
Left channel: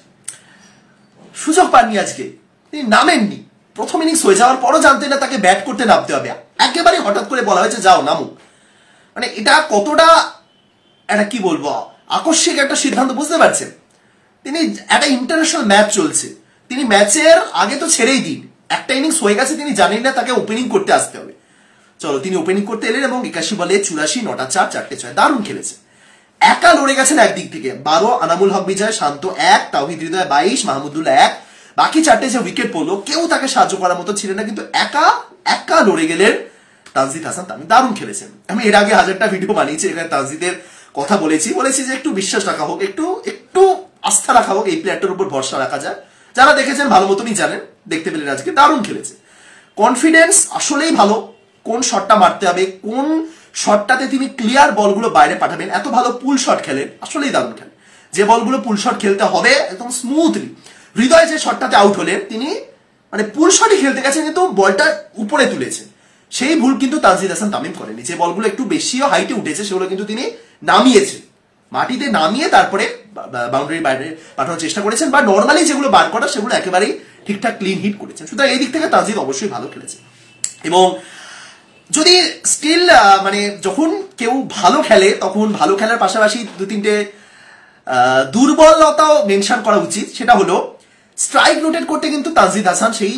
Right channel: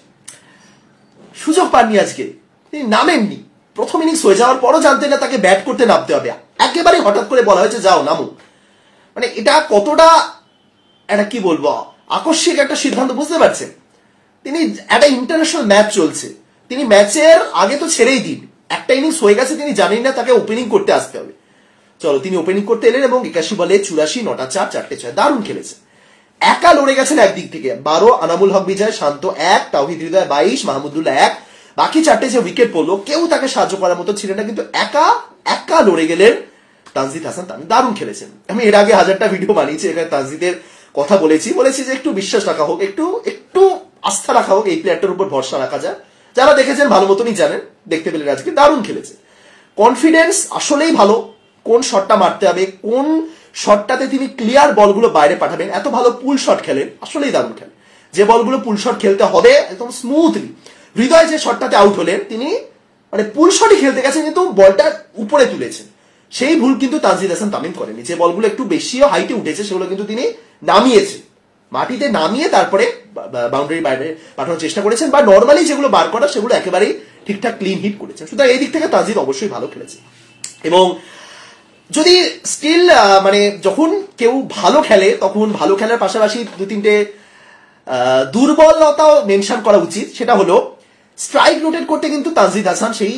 সুযোগ পাননি আজকে, তিনি নামেননি, প্রথম ইনিংস হয়ে যাওয়ার পরও জানতেন না তাকে ব্যাট করতে নামতে হবে, একেবারে হঠাৎ করে বলা হয়েছে যাও নামো, মানে এটা কতটা একটা কি বলবো আকস্মিক একটা সিদ্ধান্ত, বুঝতে পারছেন? তিনি একটা ইন্টারন্যাশনাল ম্যাচ চলছে, তিনি ম্যাচের আগে তো ছেড়েই দিন, একটা ইনিংস হয়ে গেছে, তিনি জানেন না তাকে ওপেনিং করতে আসতে হবে, চলো তিনি ওপেনিং করতে এলেন এবং 81 বলে 84, 9টা 4, 4টে 6, দারুণ খেলেছে, একা লড়ে গেছেন একদিক থেকে, 12 আনামুল হক বিজয়, শান্ত 1, তাওহিদ হৃদয় 22, মাহমুদুল্লাহ 1, বাকি 4টে যে উইকেট পড়লো কেউ তাকে সাহায্য করার মতো ছিলেন না, কিন্তু একা লড়ে গেলেন তানজিদ হাসান তামিম, দারুণ খেলেছেন। আমি এর আগে 1000টা ভিডিও বানিয়েছি, এখানে তানজিদের কথা বলেছি যে একটু বিশ্বাস রাখা হোক, একটু আস্থা রাখা হোক, এই প্লেয়ারটার উপর ভরসা রাখা যায়, যারা দেখেছেন ভালো মতনই জানেন, দেখতে পেলেন আজকে দারুণ খেলেছে। কনফিডেন্স আসলেই ভালো, কোন শটটা মারতে হবে, কোন শটটাতে তিনি ক্লিয়ার বলগুলো বাইরে পাঠাবেন, এত ভালো পুল শট খেলেন, আসলেই দারুণ খেলেন। যে বলগুলো পুল শট খেলতে হবে একদম স্মুথলি, হৃদয় যে শটটাতে আউট হলেন তিনি মানে পুল শটই খেলতে গেছেন কিন্তু বলটা উপরে তুলেছেন, সেই ভুল কিন্তু তানজিদ হাসান তামিম করেনি। যে বলগুলো একটু বেশিও হাইটে উঠেছে সেগুলো কিন্তু তিনি নামিয়েছেন, মাটিতে নামিয়ে তারপরে বাউন্ডারি বাইরে পাঠানোর চেষ্টা করেছেন, বা নর্মালি যেগুলো বার করা সেগুলো একেবারেই ঠিকঠাক ক্লিন হিট করেছেন। সুতরাং এই দিক থেকে তানজিদ অবশ্যই ভালো খেলেছে। এবং যদি স্টিল মানে যখন কেউ ভালো খেলে তখন ভালো খেলার পাশাপাশি দু তিনটে দুর্বলতাও মেনশন করা উচিত। সেটা হলো স্ট্রাইক রোটেট করতে কিন্তু তানজিদ হাসান সেই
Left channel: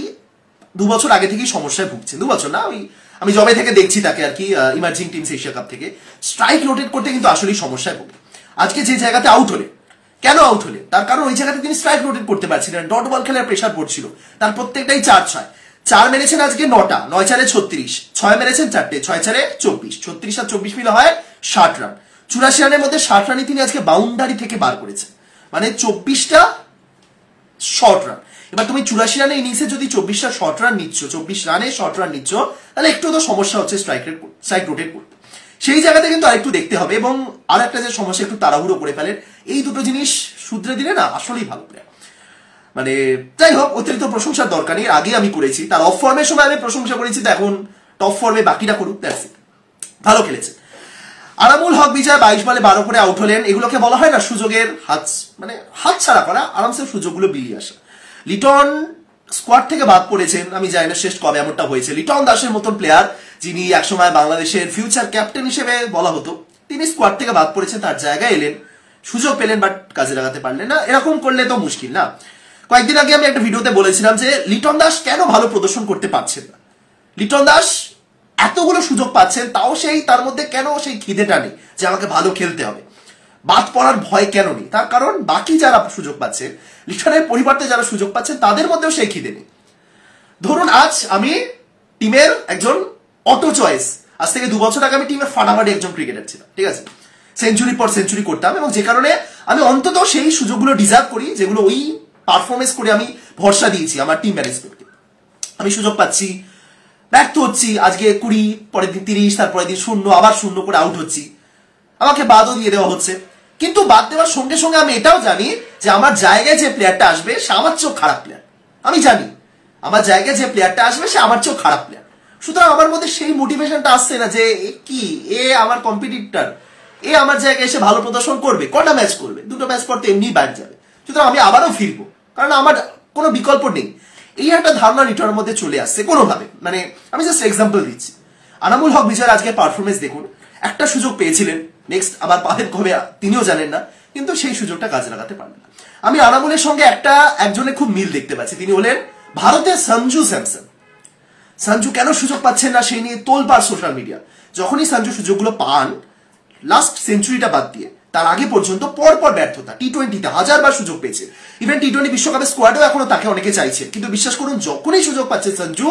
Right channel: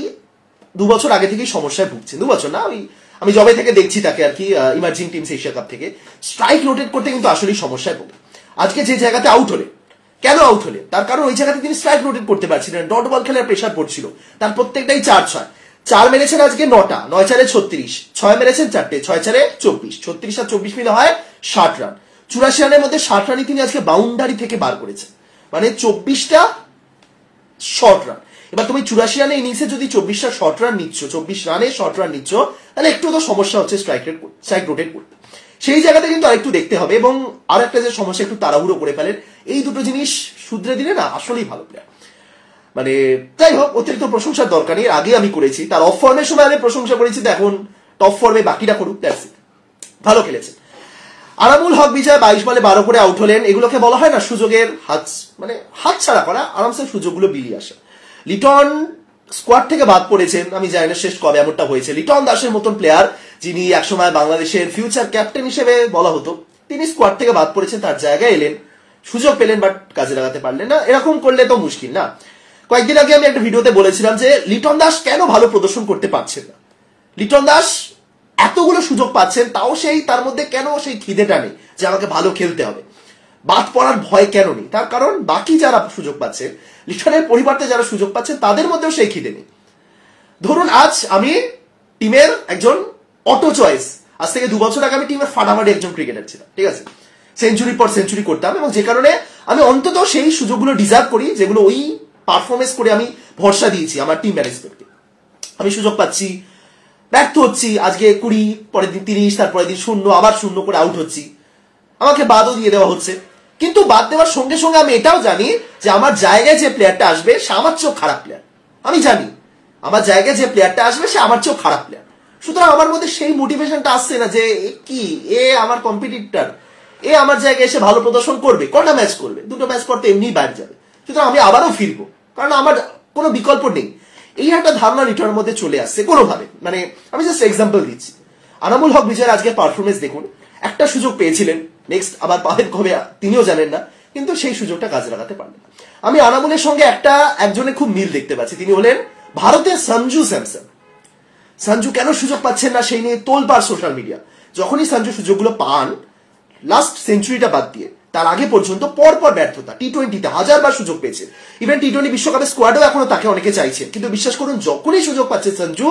2 বছর আগে থেকেই সমস্যায় ভুগছেন। 2 বছর না, আমি জবে থেকে দেখছি তাকে আর কি, ইমার্জিং টিমস এশিয়া কাপ থেকে স্ট্রাইক রোটেট করতে কিন্তু আসলেই সমস্যায় ভোগে। আজকে যে জায়গাতে আউট হলে, কেন আউট হলে, তার কারণ ওই জায়গাতে তিনি স্ট্রাইক রোটেট করতে পারছিলেন, ডট বল খেলার প্রেশার পড়ছিল, তার প্রত্যেকটাই 4-6, 4 মেরেছেন আজকে 9টা, 9-4 36, 6 মেরেছেন 4টে, 6-4 24, 36 আর 24 মিলে হয় 60 রান। 84 রানের মধ্যে 60 রানই তিনি আজকে বাউন্ডারি থেকে বার করেছেন, মানে 24টা শর্ট রান। এবার তুমি 84 রানের ইনিংসে যদি 24টা শর্ট রান নিচ্ছ, 24 রানে শর্ট রান নিচ্ছ, তাহলে একটু তো সমস্যা হচ্ছে স্ট্রাইক রোটেট করতে। সেই জায়গাতে কিন্তু আরেকটু দেখতে হবে। এবং আর একটা যে সমস্যা, একটু তাড়াহুড়ো করে ফেলেন, এই দুটো জিনিস শুধরে দিলে না আসলেই ভালো প্লেয়ার। মানে যাই হোক, অতিরিক্ত প্রশংসার দরকার নেই, আগে আমি করেছি, তার অফ ফর্মের সময় আমি প্রশংসা করেছি, তো এখন টপ ফর্মে বাকিরা করুক, দ্যাটস ইট। ভালো খেলেছে। আনামুল হক বিজয় 22 বলে 12 করে আউট হলেন। এগুলোকে বলা হয় না সুযোগের হাত ছাড়া করা, আরামসে সুযোগগুলো বেরিয়ে আসা। লিটন স্কোয়াড থেকে বাদ পড়েছেন, আমি জানি না শেষ কবে এমনটা হয়েছে। লিটন দাসের মতন প্লেয়ার, যিনি একসময় বাংলাদেশের ফিউচার ক্যাপ্টেন হিসেবে বলা হতো, তিনি স্কোয়াড থেকে বাদ পড়েছেন, তার জায়গায় এলেন, সুযোগ পেলেন বাট কাজে লাগাতে পারলেন না। এরকম করলে তো মুশকিল না। কয়েকদিন আগে আমি একটা ভিডিওতে বলেছিলাম যে লিটন দাস কেন ভালো প্রদর্শন করতে পারছেন না। লিটন দাস এতগুলো সুযোগ পাচ্ছেন, তাও তার মধ্যে কেন সেই খিদেটা নেই যে আমাকে ভালো খেলতে হবে, বাদ পড়ার ভয় কেন নেই? তার কারণ বাকি যারা সুযোগ পাচ্ছে, লিটনের পরিবর্তে যারা সুযোগ পাচ্ছে, তাদের মধ্যেও সেই খিদে নেই। ধরুন আজ আমি টিমের একজন অটো চয়েস, আজ থেকে 2 বছর আগে আমি টিমের ফাটাফাটি একজন ক্রিকেটার ছিলাম, ঠিক আছে, সেঞ্চুরি পর সেঞ্চুরি করতাম, এবং যে কারণে আমি অন্তত সেই সুযোগগুলো ডিজার্ভ করি যেগুলো ওই পারফরমেন্স করে আমি ভরসা দিয়েছি আমার টিম ম্যানেজমেন্টকে। আমি সুযোগ পাচ্ছি, ব্যর্থ হচ্ছি, আজকে 20, পরের দিন 30, তারপরের দিন 0, আবার 0 করে আউট হচ্ছি, আমাকে বাদও দিয়ে দেওয়া হচ্ছে। কিন্তু বাদ দেওয়ার সঙ্গে সঙ্গে আমি এটাও জানি যে আমার জায়গায় যে প্লেয়ারটা আসবে সে আমার চেয়েও খারাপ প্লেয়ার। আমি জানি আমার জায়গায় যে প্লেয়ারটা আসবে সে আমার চেয়েও খারাপ প্লেয়ার। সুতরাং আমার মধ্যে সেই মোটিভেশনটা আসছে না যে কি আমার কম্পিটিটর, আমার জায়গায় এসে ভালো প্রদর্শন করবে, কটা ম্যাচ করবে, 2টো ম্যাচ পর তো এমনি বাইরে যাবে, সুতরাং আমি আবারও ফিরবো, কারণ আমার কোনো বিকল্প নেই। এই একটা ধারণা লিটনের মধ্যে চলে আসছে কোনোভাবে। মানে আমি জাস্ট এক্সাম্পল দিচ্ছি। আনামুল হক বিজয়ের আজকে পারফরমেন্স দেখুন, একটা সুযোগ পেয়েছিলেন, নেক্সট আবার পাবেন কবে তিনিও জানেন না, কিন্তু সেই সুযোগটা কাজে লাগাতে পারলেন না। আমি আনামুলের সঙ্গে একজনের খুব মিল দেখতে পাচ্ছি, তিনি হলেন ভারতের সঞ্জু স্যামসন। সঞ্জু কেন সুযোগ পাচ্ছেন না সেই নিয়ে তোলপাড় সোশ্যাল মিডিয়া। যখনই সঞ্জু সুযোগগুলো পান, লাস্ট সেঞ্চুরিটা বাদ দিয়ে তার আগে পর্যন্ত পরপর ব্যর্থতা। টি20তে 1000বার সুযোগ পেয়েছে, ইভেন টি20 বিশ্বকাপের স্কোয়াডেও এখনো তাকে অনেকে চাইছে, কিন্তু বিশ্বাস করুন যখনই সুযোগ পাচ্ছে সঞ্জু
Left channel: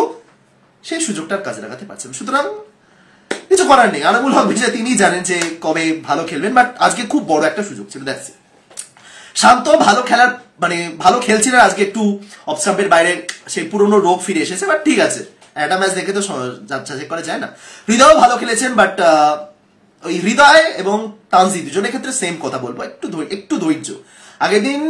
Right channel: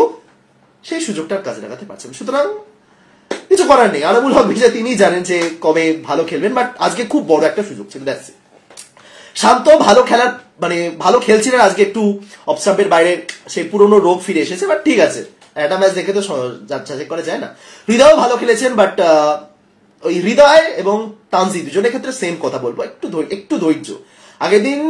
সেই সুযোগটার কাজে লাগাতে পারছেন। সুতরাং কিছু করার নেই, আনামুল হক বিজয় তিনি জানেন যে কবে ভালো খেলবেন, বাট আজকে খুব বড় একটা সুযোগ ছিল। দেখছি শান্ত ভালো খেলার মানে ভালো খেলছিলেন, আজকে একটু অফসাম্পের বাইরে সেই পুরনো রোগ ফিরে এসেছে, বাট ঠিক আছে, একটা ম্যাচ দেখে তো যাচাই করা যায় না। হৃদয়ও ভালো খেলেছেন, বাট ওই হৃদয় এবং তানজিদ দুজনের ক্ষেত্রে সেম কথা বলবো, একটু ধৈর্য। আগের দিন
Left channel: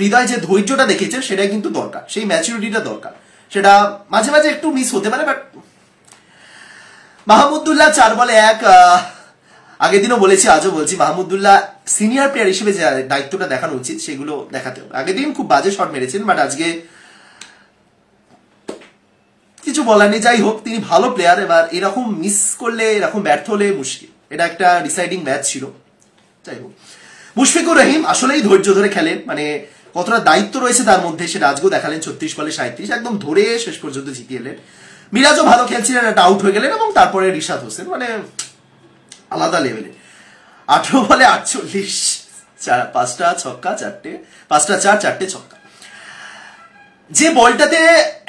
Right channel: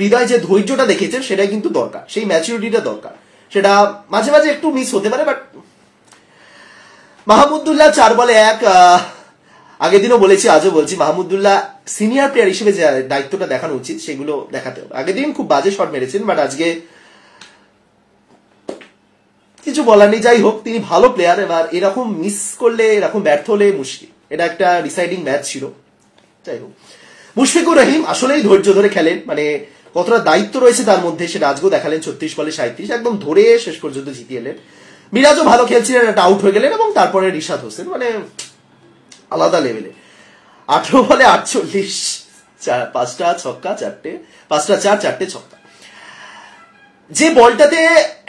হৃদয় যে ধৈর্যটা দেখেছেন সেটাই কিন্তু দরকার, সেই ম্যাচুরিটিটা দরকার, সেটা মাঝে মাঝে একটু মিস হতে পারে। বাট মাহমুদুল্লাহ 4 বলে 1, আগের দিনও বলেছি আজও বলছি, মাহমুদুল্লাহ সিনিয়র প্লেয়ার হিসেবে যে দায়িত্বটা দেখানো উচিত সেগুলো দেখাতে হবে। আগের দিন খুব বাজে শট মেরেছেন, বাট আজকে কিছু বলার নেই। যাই হোক, তিনি ভালো প্লেয়ার, এবার এরকম মিস করলে, এরকম ব্যর্থ হলে মুশকিল। এটা একটা ডিসাইডিং ম্যাচ ছিল। যাই হোক, মুশফিকুর রহিম আসলেই ধৈর্য ধরে খেলেন, মানে কতটা দায়িত্ব রয়েছে তার মধ্যে সেটা আজকেও দেখালেন। 36 বলে 37 একদম ধরে শেষ পর্যন্ত জিতিয়ে এলেন। মিরাজও ভালো খেলছিলেন, একটা আউট হয়ে গেলেন, এবং তারপরে রিশাদ হোসেন মানে আলাদা লেভেলে 18 বলে 48, 5টা ছক্কা 4টে, 5টা 4, 4টে ছক্কা। যে বলটাতে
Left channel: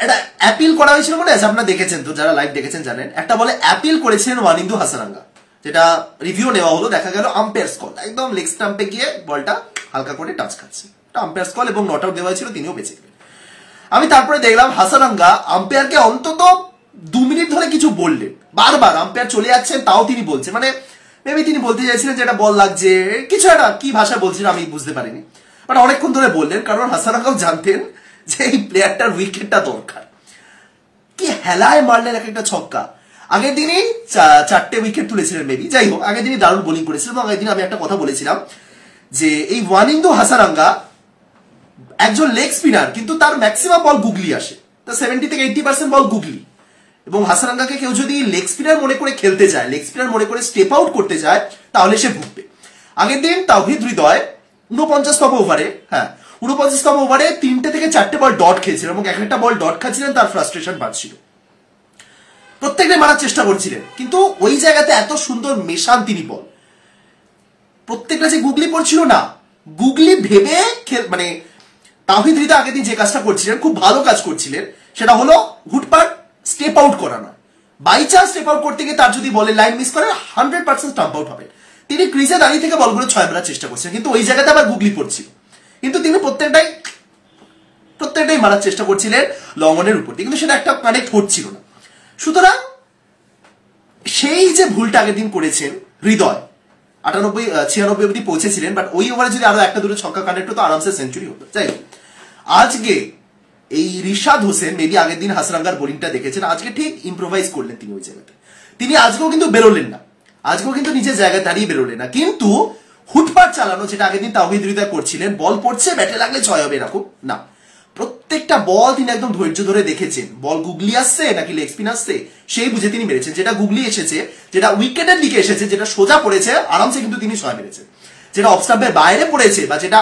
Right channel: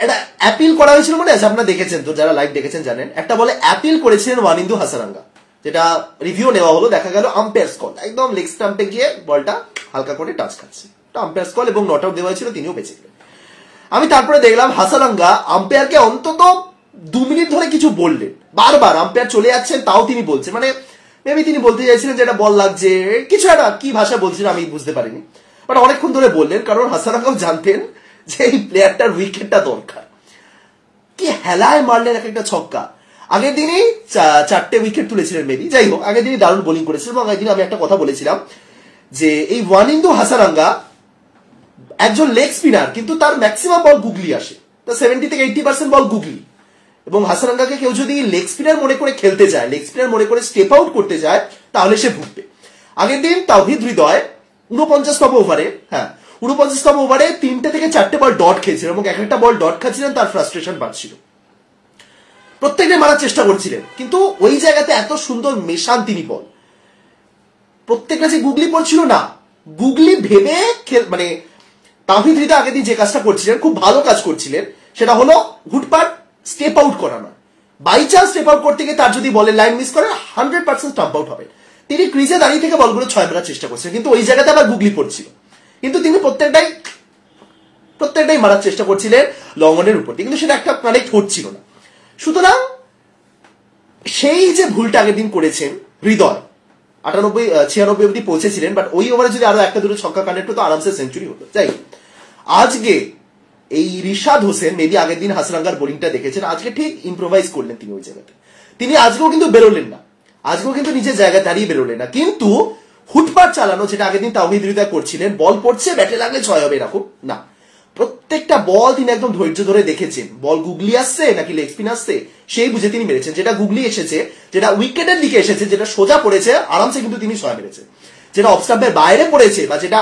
একটা অ্যাপিল করা হয়েছিল মনে আছে, আপনারা দেখেছেন তো, যারা লাইভ দেখেছেন জানেন, একটা বলে অ্যাপিল করেছিলেন ওয়ানিন্দু হাসারাঙ্গা, যেটা রিভিউ নেওয়া হলো, দেখা গেল আম্পায়ার স্কোর একদম লেগ স্টাম্পে গিয়ে বলটা হালকা করে টাচ খাচ্ছে। আম্পায়ার্স কল এবং নট আউট দেওয়া হয়েছিল, তিনিও বেঁচে গেলেন। আমি তারপরে দেখলাম হাসারাঙ্গা আম্পায়ারকে অন্তত 2 মিনিট ধরে কিছু বললেন, বারবার আম্পায়ার চলে যাচ্ছেন তাও তিনি বলছেন, মানে মেবি তিনি বলতে চাইছিলেন যে এটা বল লাগছে, কিছু একটা কি ভাষা বলছিলেন আমি বুঝতে পারিনি, বাট অনেকক্ষণ ধরে বললেন, কারণ হাসারাঙ্গাও জানতেন যে এই প্লেয়ারটার উইকেটটা দরকার। কি হেলায় মারলেন এক একটা ছক্কা। আগের দিনই 4টে উইকেট তুলেছিলেন মেবি, যাই হোক আগের দিনই দারুণ বোলিং করেছিলেন। এবং আগের দিন আমি একটা কথা বলেছিলাম যে এই ওয়ানিন্দু হাসারাঙ্গা একজন লেগ স্পিনার, কিন্তু তার ম্যাক্সিমাম বল গুগলি আসে, তার 70 থেকে 80% বল গুগলি। এবং হাসারাঙ্গাকে কেউ যদি লেগ স্পিনার মনে করে খেলতে যায়, লেগ স্পিনার মনে করে স্টেপ আউট করতে যায়, তাহলে সে ভুগবে। আগের দিন তাওহিদ হৃদয় 49তম ওভারে, 49তম ওভারে 3টে থেকে 4টে বল ডট খেয়েছিলেন এবং এক একটা বল ডট খাচ্ছিলেন, তার ফ্রাস্ট্রেশন বাড়ছিল, প্রত্যেকটা মারার চেষ্টা করছিলেন, কিন্তু ওই জায়গাতে এত সুন্দর মেশান তিনি বল, প্রত্যেকটা যে গুগলি পড়ছিল না, গুগলি ভেবে মানে তাওহিদ হৃদয় আগের দিন যে কাজটা করছিলেন, খুব ভালো কাজ করছিলেন, সেটা হলো হুটপাট স্টেপ আউট করা নয়। বাই চান্স স্টেপ আউট করতে গিয়ে তার যদি বলের লাইন মিস করে 100% স্টাম্প আউট হবে। তিনি ক্রিজে দাঁড়িয়ে থেকে বলগুলো 6 মারার চেষ্টা করছেন, কিন্তু ওই জায়গাতে আবার গুগলি পড়ছিল, কিন্তু তিনি প্রত্যেকটাই মারার চেষ্টা করছিলেন লং অনের উপর, কিন্তু সেটা একটা কানেক্ট হচ্ছিল না। সুতরাং সেই যে ভুলটা আগের দিন করেছেন হৃদয়, 96 অব্দি পৌঁছেছিলেন, বাট ওই ওভারে যদি আরো একটা দুটো ছক্কা কানেক্ট হতো আরামসে সেঞ্চুরি হতো। যাই আজকে এই রিশাদ হোসেন মেবি আগের দিন হাসারাঙ্গার বোলিংটা দেখেছেন, আজকে ঠিক ইম্প্রোভাইজ করলেন তিনি ওই জায়গাতে। তিনি আজকেও কিন্তু বেরোলেন না, আজকেও কিন্তু নিজের জায়গায় দাঁড়িয়ে বেরোলেন না, কিন্তু হুটপাট চালানো যেটা আগের দিন তাওহিদ হৃদয় করছিলেন, বল পড়ছে ব্যাটে লাগলে 6 হবে এরকম না, প্রত্যেকটা বল তিনি একদম ধৈর্য ধরে দেখেছেন, বল গুগলি আসছে নাকি লেগ স্পিন আসছে সেই বুঝে তিনি মেরেছেন। যেটা গুগলি এসেছে, যেটা উইকেটের দিকে এসেছে, যেটা সোজা পড়েছে আরামসে কিন্তু তিনি 6 মেরেছেন। যেটা অফ স্টাম্পের বাইরে পড়েছে বা যেটা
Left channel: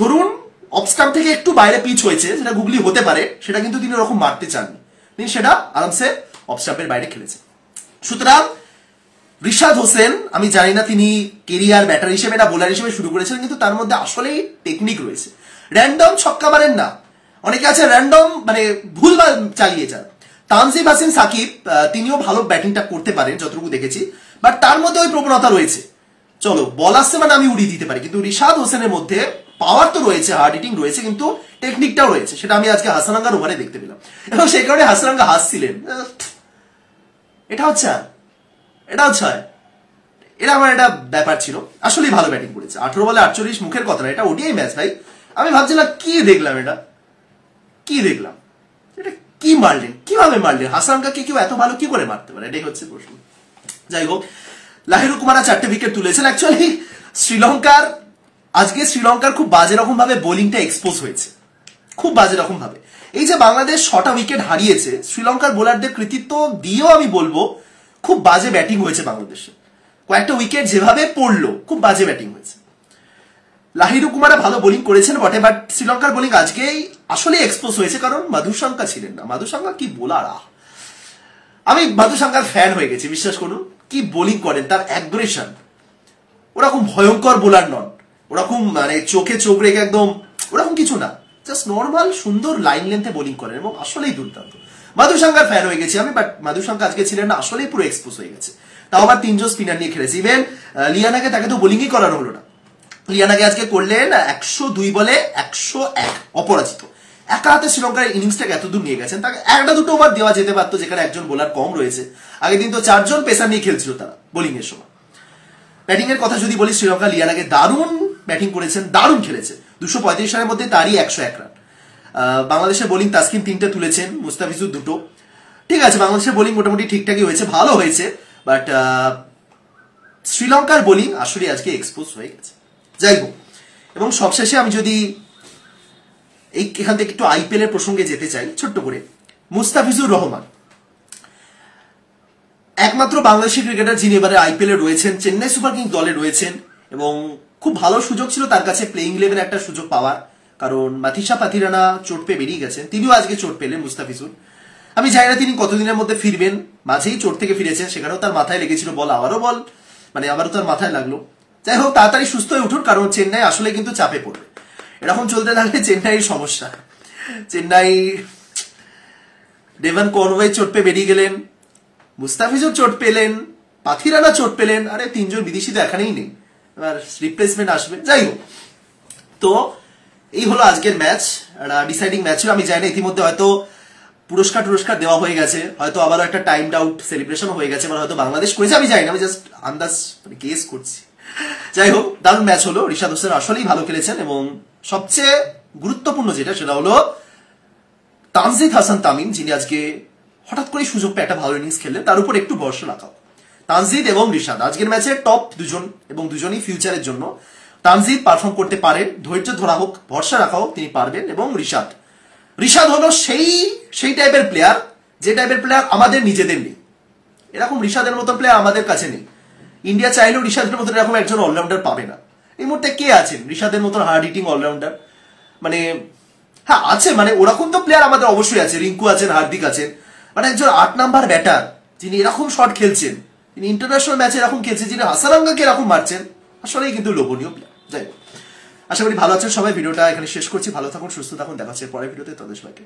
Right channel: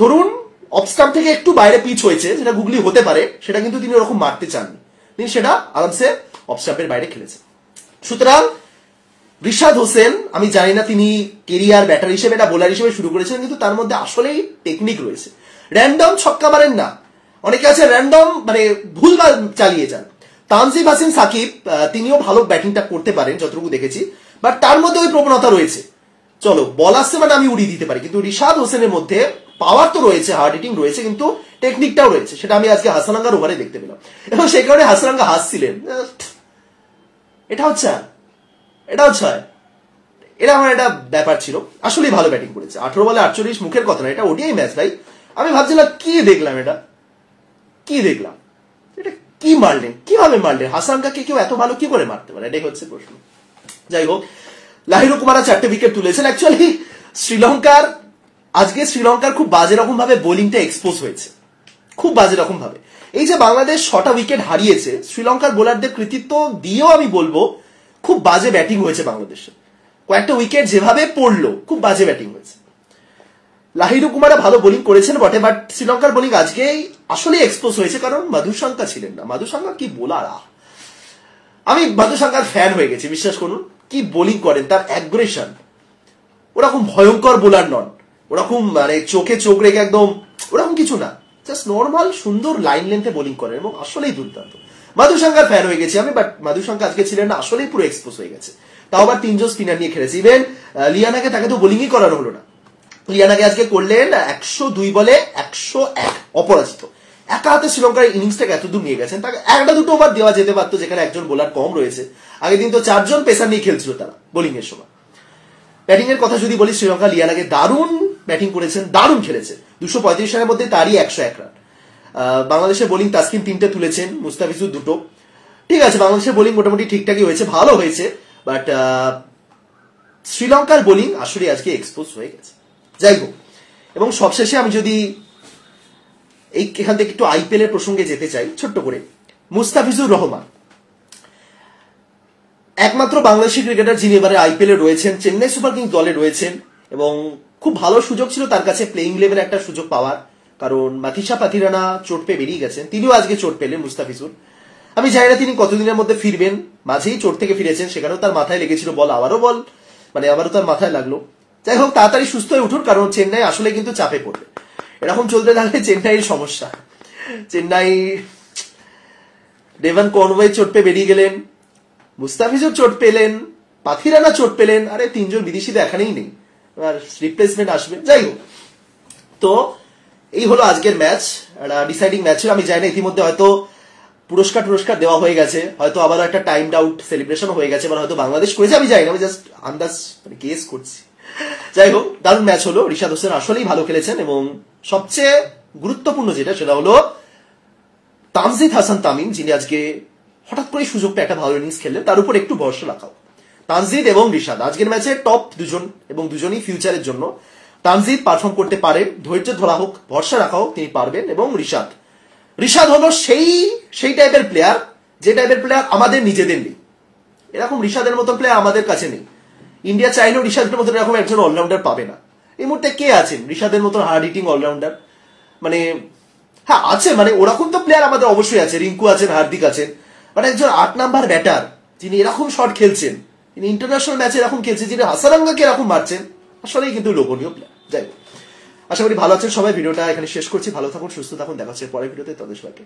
ধরুন অফ স্টাম্প থেকে একটু বাইরে পিচ হয়েছে, যেটা গুগলি হতে পারে, সেটা কিন্তু তিনি ওরকম মারতে চাননি, তিনি সেটা আরামসে অফ স্টাম্পের বাইরে খেলেছেন। সুতরাং রিশাদ হোসেন, আমি জানি না তিনি কেরিয়ার ব্যাটার হিসেবে না বোলার হিসেবে শুরু করেছিলেন, কিন্তু তার মধ্যে আসলেই টেকনিক রয়েছে। র্যান্ডম ছক্কা মারেন না, অনেকে আছে র্যান্ডম মানে ভুলভাল চালিয়ে যান। তানজিম হাসান সাকিব তিনিও ভালো ব্যাটিংটা করতে পারেন যতটুকু দেখেছি, বাট তার মধ্যে ওই প্রবণতা রয়েছে, চলো বল আসছে মানে আমি উড়িয়ে দিতে পারি, কিন্তু রিশাদ হোসেনের মধ্যে পাওয়ার তো রয়েছে, হার্ড হিটিং রয়েছে, কিন্তু টেকনিকটাও রয়েছে, সেটা আমি আজকে হাসারাঙ্গার ওভারে দেখতে পেলাম। এবং সেই কারণে হাসারাঙ্গা হাসছিলেন, এটা হচ্ছে এটা আমার একটা ব্যাপার ছিল। আসলেই ভালো ব্যাটিং করেছে, 18 বলে 48, মুখের কথা না, এটা ওডিআই ম্যাচ ভাই। আমি ভাবছিলাম কি দেখলাম, এটা কি মারলেন, কিভাবে মারলেন, হাসারাঙ্গাকে কেউ এত ভালো কি করে মারতে পারে, এটাই হচ্ছে প্রশ্ন। যাই হোক, লাহিরু কুমারা 4টে উইকেট তুলেছেন। অ্যাকচুয়ালি শ্রীলঙ্কার খুব বাজে রকম ভাবে বোলিংটা এক্সপোজ হয়েছে, খুব বাজে রকম ভাবে। এই যে বাংলাদেশ 6টা উইকেট হারিয়েছে, শ্রীলঙ্কার বোলারদের কৃতিত্ব দিয়েও আমি বলবো খুব বাজে ব্যাটিং হয়েছে বাংলাদেশে। কয়েকটা উইকেট যেভাবে পড়লো, খুব বাজে ব্যাটিং হয়েছে। লাহিরু কুমারা ভালো বোলিং করেছেন বটে, বাট শ্রীলঙ্কার বোলিং আজকেই আসলে এক্সপোজ হয়েছে, কারণ মাধুসাঙ্কা ছিলেন না। মাধুসাঙ্কা কি বোলার, আমি মাধুসাঙ্কার ফ্যান হয়ে গেছি, বিশ্বাস করুন। কি বোলিং করেন, তার অ্যাগ্রেশন, ওরকম ভয়ঙ্কর বোলার নন, ওরকম মানে চোখে চোখ রেখে একদম ওরকম কিছু না, জাস্ট নর্মাল সুন্দর লাইন লেন্থে বোলিং করেন এবং আসলেই দুর্দান্ত। মাধুসাঙ্কার ফ্যান হয়ে গেছি আমি, বাট মাধুসাঙ্কা আজকে ছিলেন না, আসলেই পুরো এক্সপোজ হয়ে গেছে। তাও আবার 3 জন স্পিনার নিয়ে খেলেছে, ইভেন লিয়ানাকে তাকে তো বোলিংই করানো হলো না। লিয়ানাকে আজকে করলেন 102 বলে 101 অপরাজিত, একা হাতে শ্রীলঙ্কার ইনিংসটাকে এত দূর নিয়ে গেছেন। তাকে একটা দুটো ওভার দেওয়া যেতে পারতো, যেখানে একজন বোলার কম রয়েছে। আগের দিন তো 4 জন পেসার নিয়ে খেলছিল তারা বোলিং এর সময়। ব্যাটিং এর কথা যদি বলি, শ্রীলঙ্কা লিয়ানাকে দারুণ ব্যাটিং করেছেন, দারুণ খেলেছে। 235 রানের মধ্যে তারই 101 রান। বাংলাদেশের বোলিং তাসকিন 3টে তুলেছেন, মুস্তাফিজুর 2টো। ঠিক আছে, বাংলাদেশের বোলিং মোটামুটি ঠিকঠাকই হয়েছে, ভালো হয়েছে, বাট শ্রীলঙ্কার বোলিং আসলে আজকে এক্সপোজ হয়ে গেছে। যাই হোক, এবং সবশেষে আমি যদি এখান থেকে একটু আইপিএল এর প্রসঙ্গে যেতে চাই ছোট্ট করে। মুস্তাফিজুর রহমান একমাত্র বাংলাদেশি ক্রিকেটার যিনি এবারে আইপিএল এ রয়েছেন, চেন্নাই সুপার কিংস দলে রয়েছেন, এবং খুব ভালো সুযোগ ছিল তার কাছে প্লেইং ইলেভেনে একটা সুযোগ পাওয়ার, কারণ মাথিসা পাথিরানা চোট পেয়ে বেরিয়ে গেছেন, তিনিও আজকে চোট পেলেন মুস্তাফিজুর। আমি জানি না তিনি কতদিনের মধ্যে ফিরবেন, মাঝেই চোট থেকে ফিরেছেন, সেখানেও তার মাথায় লেগেছিল বল, আবারও তার মাথায় লাগলো। যাই হোক, তাড়াতাড়ি সুস্থ হয়ে উঠুন, কারণ চেন্নাই আসলে কিন্তু চাপে পড়বে। এরকম চলতে থাকলে চেন্নাইয়ের সমস্যা। চেন্নাই ডেভন কনওয়ে চোট পেয়ে বেরিয়ে গেলেন, মুস্তাফিজুর চোট পেলেন, পাথিরানা চোট পেলেন, আরে 3 জন বিদেশি তো এখানেই নেই, এবার রিপ্লেসমেন্ট আসবে। যাই হোক, তো এই হলো আজকের ম্যাচ, একটা ডিসাইডিং ম্যাচ ছিল। আমি জানি না ইতিমধ্যে হয়তো পুরস্কার দেওয়া হয়ে গেছে, হয়তো আবার একটা টাইম আউট সেলিব্রেশন হয়ে গেছে, মানে হয়তো বাংলাদেশ করেছে, আমি জানি না, আমি জাস্ট আন্দাজ মানে গেস করছি। যাই হোক, দারুণ ম্যাচ হলো। রিশাদ হোসেন আসলেই ভালো খেলেছেন এবং সবচেয়ে গুরুত্বপূর্ণ যেটা সেটা হলো তানজিদ হাসান তামিম, যিনি আজকে হঠাৎ করে সুযোগ পেয়ে একটা ভালো ইনিংস খেললেন, তার উপর একটু ভরসা রাখাও। তানজিদ এবং রিশাদ আজকের ম্যাচে টপ দুজন এবং দুজনই ফিউচারের জন্য। তানজিদ পারফর্ম করতে পারেন, ধৈর্য ধরা হোক, ভরসা রাখা হোক, তিনি পারবেন। এবং রিশাদ হলো সেই টাইপের প্লেয়ার, যে টাইপের প্লেয়ার আমাদের নিজেদের নেই। এরকম রিশাদের মতো প্লেয়ার আমাদের কাছে নেই। ইন্ডিয়া চাইলেও রিশাদের মতন এরকম একজন অলরাউন্ডার পাবে না। এই মুহূর্তে কে আছেন রিশাদের মতন হার্ড হিটিং অলরাউন্ডার? মানে হ্যাঁ আছে, মানে ওরকম তো প্লেয়ার আমাদের অবশ্যই আছে, রিঙ্কু আছেন, হার্দিক আছেন, মানে একজন 8 নাম্বার ব্যাটার যিনি এরকম শট খেলছেন, তিনি ইন্টারন্যাশনাল ম্যাচে এরকম খেলছেন, যিনি হাসারাঙ্গাকে এরকম মারছেন, আসলেই কিন্তু লোভনীয় প্লেয়ার। যাই হোক, আশা করি ভালো আছেন সবাই। ভিডিওটা এখানে শেষ করছি। ভালো থাকুন, সুস্থ থাকুন, দেখা হচ্ছে পরের ভিডিওতে। তাদের সবাইকে